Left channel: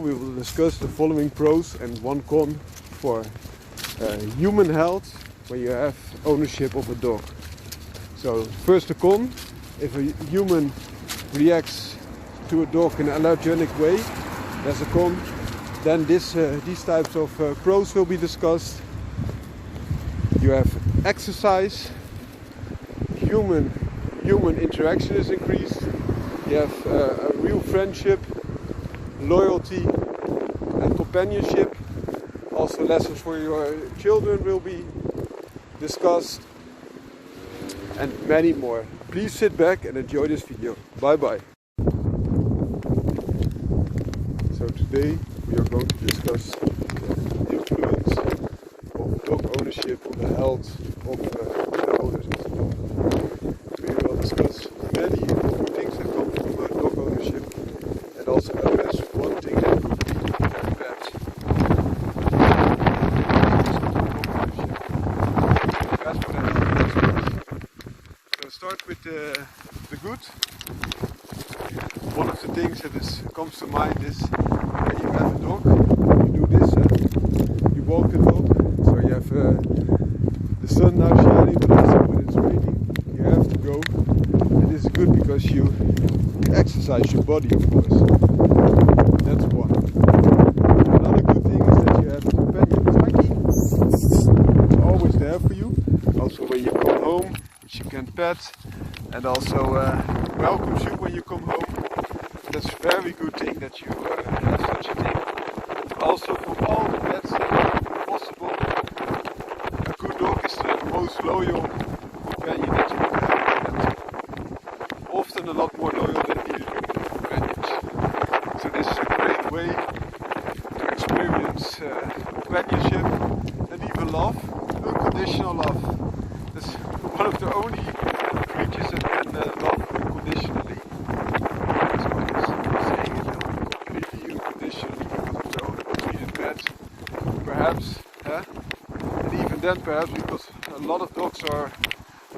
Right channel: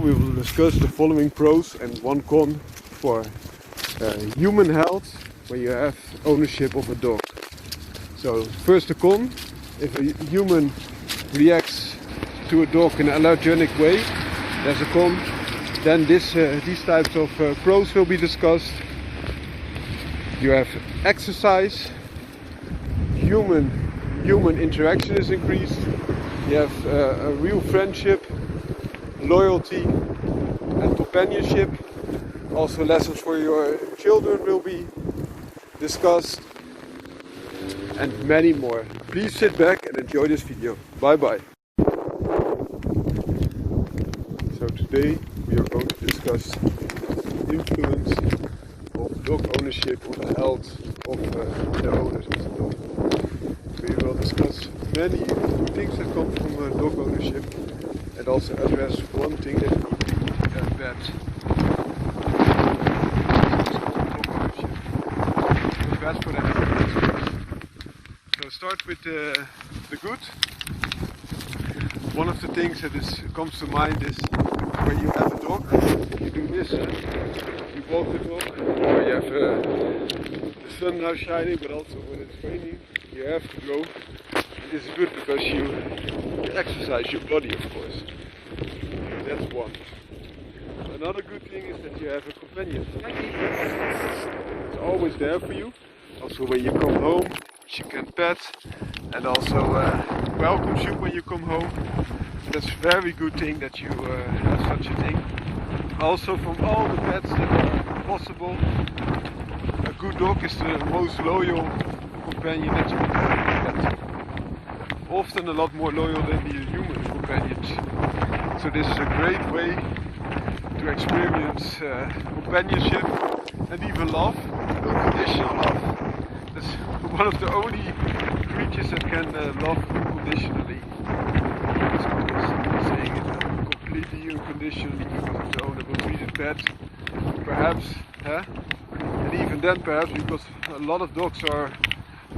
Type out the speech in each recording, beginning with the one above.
we will discuss the following pros and one con for human health when you have ownership of a dog. So first the con: if a human reacts to a dog in an allergenic way, there's a con. Then these types of pros will be discussed. You have exercise, human interaction is increased, you have a real friendship, loyalty and companionship. Also lessons for your children will be discussed, and many more. Please sit back and enjoy this video. Bye bye. So today we are going to discuss the influence of dog ownership on the health of the owners of the dog. We will discuss many good things that come from dog ownership, and also address one thing that could be very bad. So start with the good. One of the things that comes to mind is when you have a dog, you do this, you walk the dog, so you have the sun now shining, but also when it's raining, you have to go. It is good because you exercise your body, of course. That's one. Another good thing is that you have a companion. It's always there for you. Also when you come home, which you can pet, and also welcomes you when you come home. That's a very good thing that you have such a thing. Also, from all the pets possible, a good dog is the most loyal companion that you can have. Often a lot more loyal than the human companions. So this is a great way to experience companionship and even love, unconditional love. That's one of the only creatures that can love unconditionally. Completely unconditionally, one of the only treated pets, perhaps, and even then perhaps because a lot of dogs are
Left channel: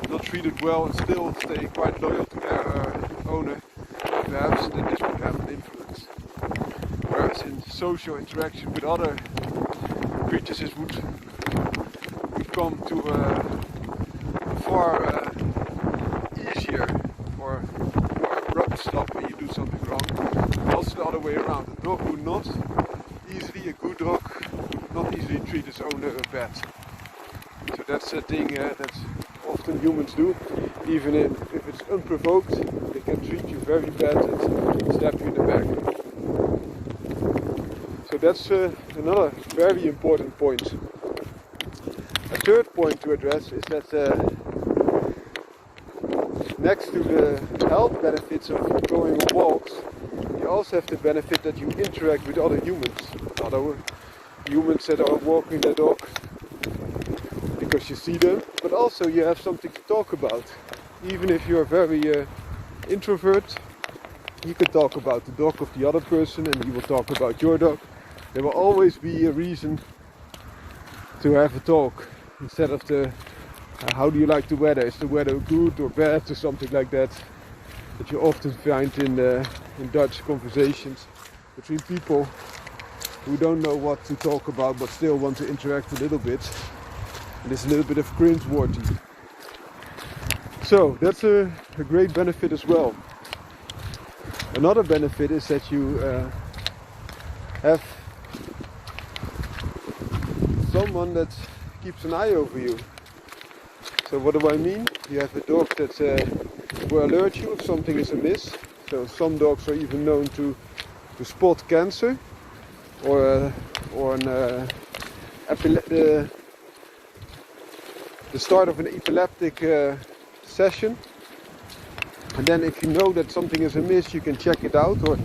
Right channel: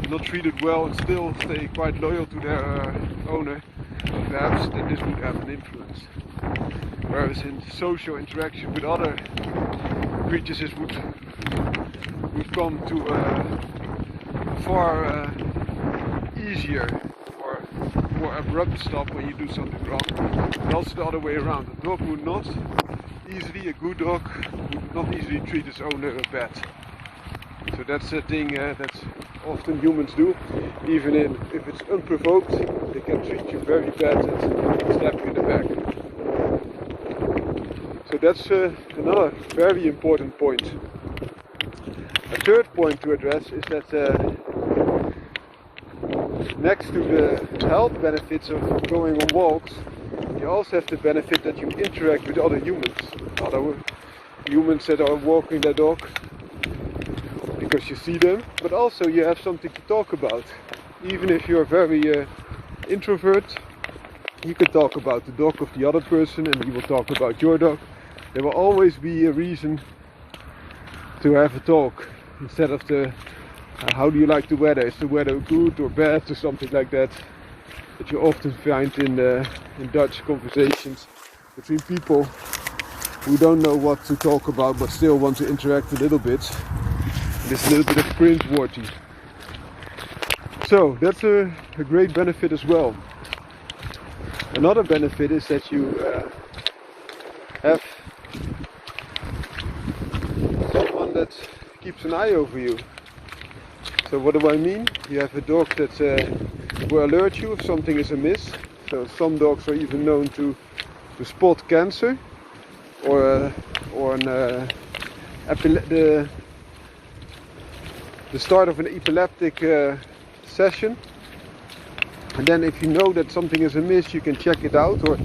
not treated well and still stay quite loyal to their owner, perhaps this would have an influence. Whereas in social interaction with other creatures it would come to a far easier or more abrupt stop when you do something wrong. Also the other way around. A dog would not easily, a good dog would not easily treat his owner bad. So that's a thing that often humans do. Even if it's unprovoked, they can treat you very bad and stab you in the back. So that's another very important point. A third point to address is that next to the health benefits of going on walks, you also have the benefit that you interact with other humans. Other humans that are walking their dog, because you see them, but also you have something to talk about. Even if you're very introvert, you can talk about the dog of the other person and you will talk about your dog. There will always be a reason to have a talk instead of the how do you like the weather? Is the weather good or bad or something like that? That you often find in Dutch conversations between people who don't know what to talk about but still want to interact a little bit. And it's a little bit of cringe-worthy. So that's a great benefit as well. Another benefit is that you have someone that keeps an eye over you. So what do I mean? You have a dog that will alert you if something is amiss. So some dogs are even known to spot cancer or the start of an epileptic session. And then if you know that something is amiss, you can check it out or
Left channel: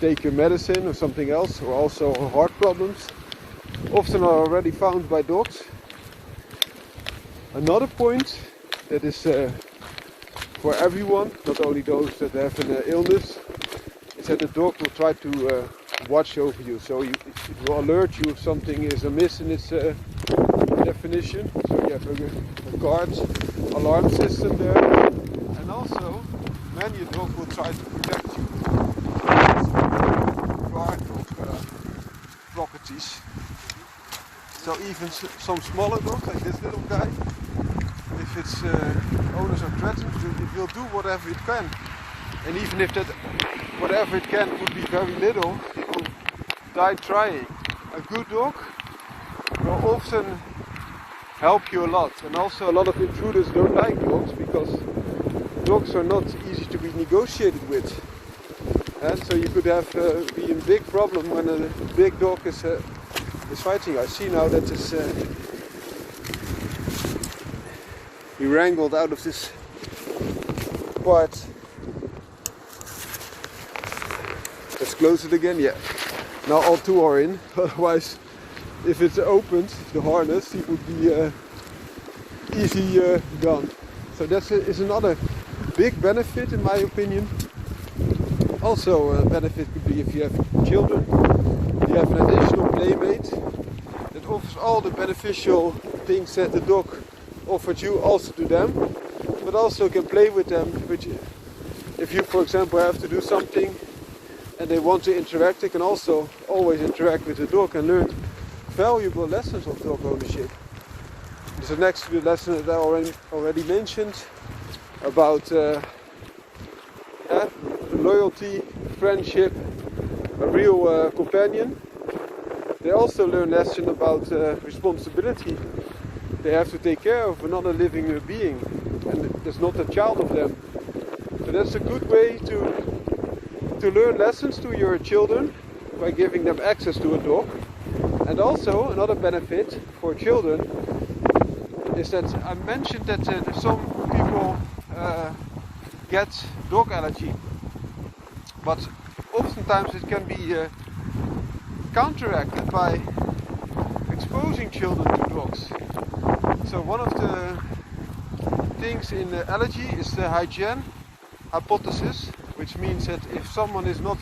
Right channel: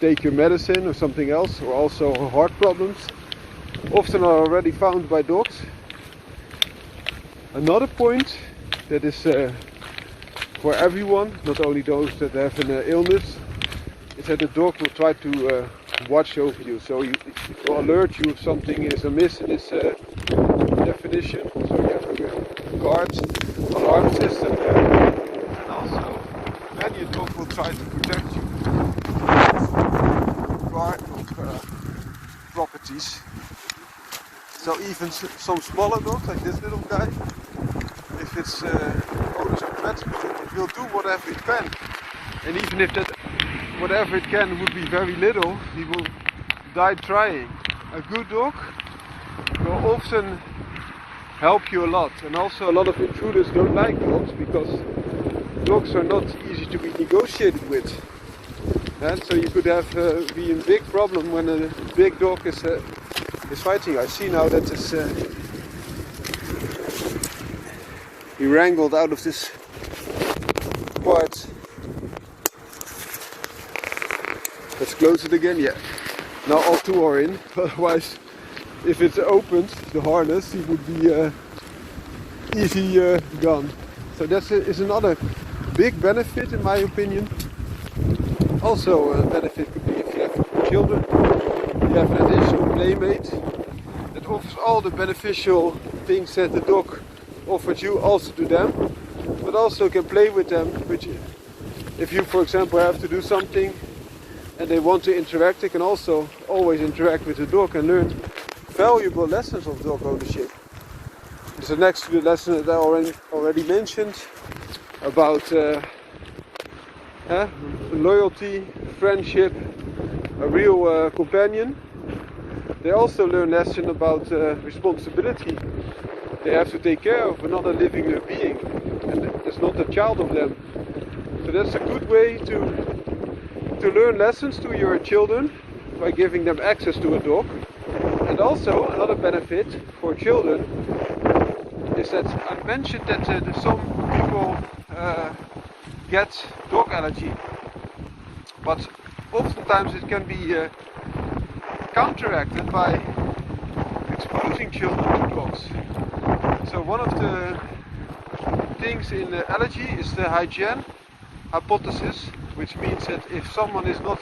take your medicine or something else, or also heart problems. Often are already found by dogs. Another point that is for everyone, not only those that have an illness, is that the dog will try to watch over you. So it will alert you if something is amiss in its definition. So you have a guard alarm system there. And also, many a dog will try to protect you. Guard of properties. So even some smaller dogs, like this little guy, if its owners are threatened, it will do whatever it can. And even if that whatever it can would be very little, it will die trying. A good dog will often help you a lot. And also a lot of intruders don't like dogs because dogs are not easy to be negotiated with. And so you could have be a big problem when a big dog is fighting. I see now that he wrangled out of this part. Let's close it again. Yeah. Now all two are in. Otherwise, if it's opened, the harness, he would be easy gone. So that is another big benefit in my opinion. Also a benefit could be if you have children, you have an additional playmate that offers all the beneficial things that the dog offered you also to them, but also can play with them. Which, if you for example have to do something and they want to interact, they can also always interact with the dog and learn valuable lessons of dog ownership. So next to the lesson that I already mentioned about loyalty, friendship, a real companion, they also learn lesson about responsibility. They have to take care of another living being, and it's not a child of them. So that's a good way to learn lessons to your children by giving them access to a dog. And also another benefit for children is that I mentioned that some people get dog allergy, but oftentimes it can be counteracted by exposing children to dogs. So one of the things in allergy is the hygiene hypothesis, which means that if someone is not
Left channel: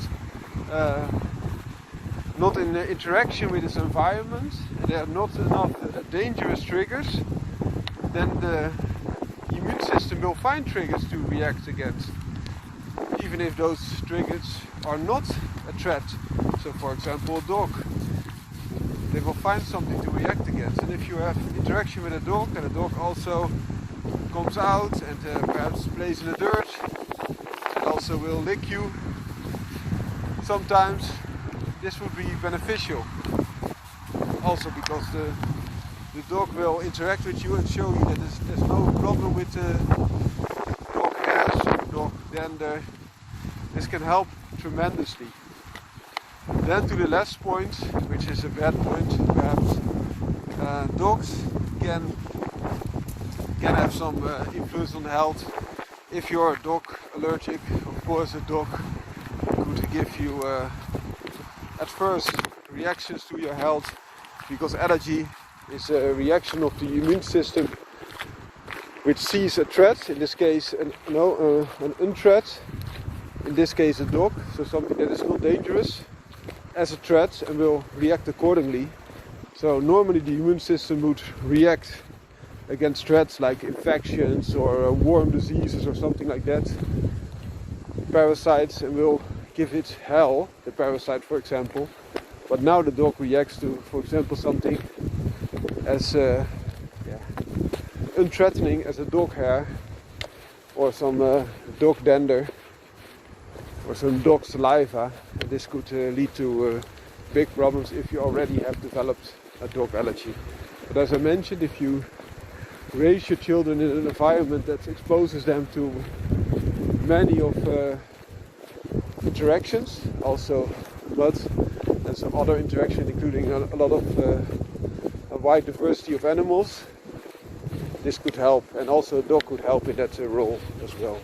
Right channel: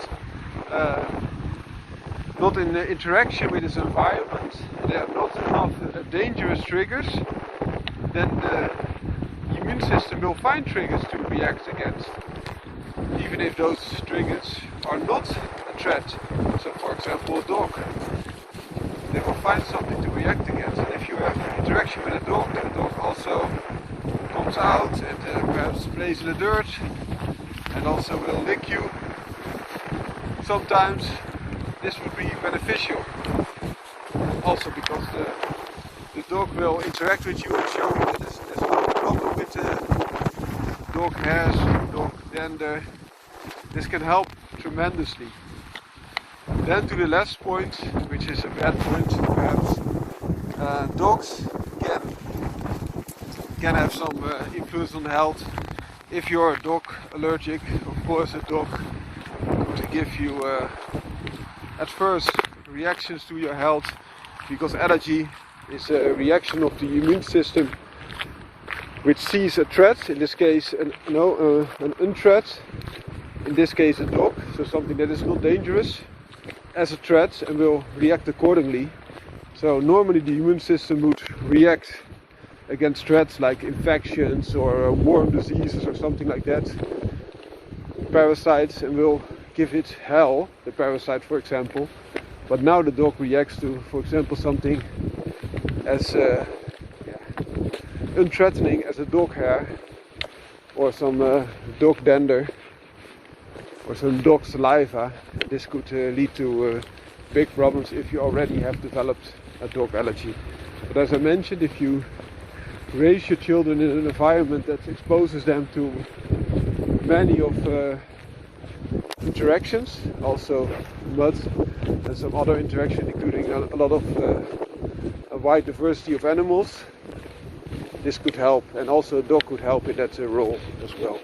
in interaction with his environment, there are not enough dangerous triggers, then the immune system will find triggers to react against, even if those triggers are not a threat. So for example, a dog, they will find something to react against. And if you have interaction with a dog, the dog also comes out and perhaps plays in the dirt and also will lick you. Sometimes this would be beneficial. Also because the dog will interact with you and show you that there's no problem with the dog hairs, dog dander. This can help tremendously. Then to the last point, which is a bad point perhaps, dogs can have some influence on the health. If you're a dog allergic, of course a dog could give you at first reactions to your health, because allergy is a reaction of the immune system which sees a threat, in this case an unthreat, in this case a dog, so something that is not dangerous, as a threat and will react accordingly. So normally the immune system would react against threats like infections or warm diseases or something like that, parasites, and will give it hell, the parasite for example. But now the dog reacts to, for example, something as unthreatening as a dog hair or some dog dander or some dog saliva. This could lead to big problems if you already have developed a dog allergy. But as I mentioned, if you raise your children in an environment that exposes them to many of interactions, also mud and some other interactions, including a lot of a wide diversity of animals, this could help, and also a dog could help in that role as well.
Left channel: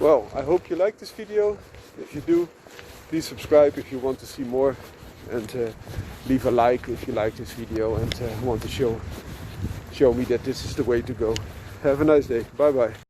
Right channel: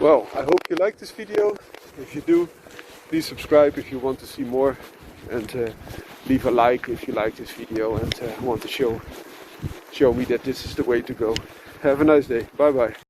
Well, I hope you liked this video. If you do, please subscribe if you want to see more, and leave a like if you like this video and want to show me that this is the way to go. Have a nice day. Bye bye.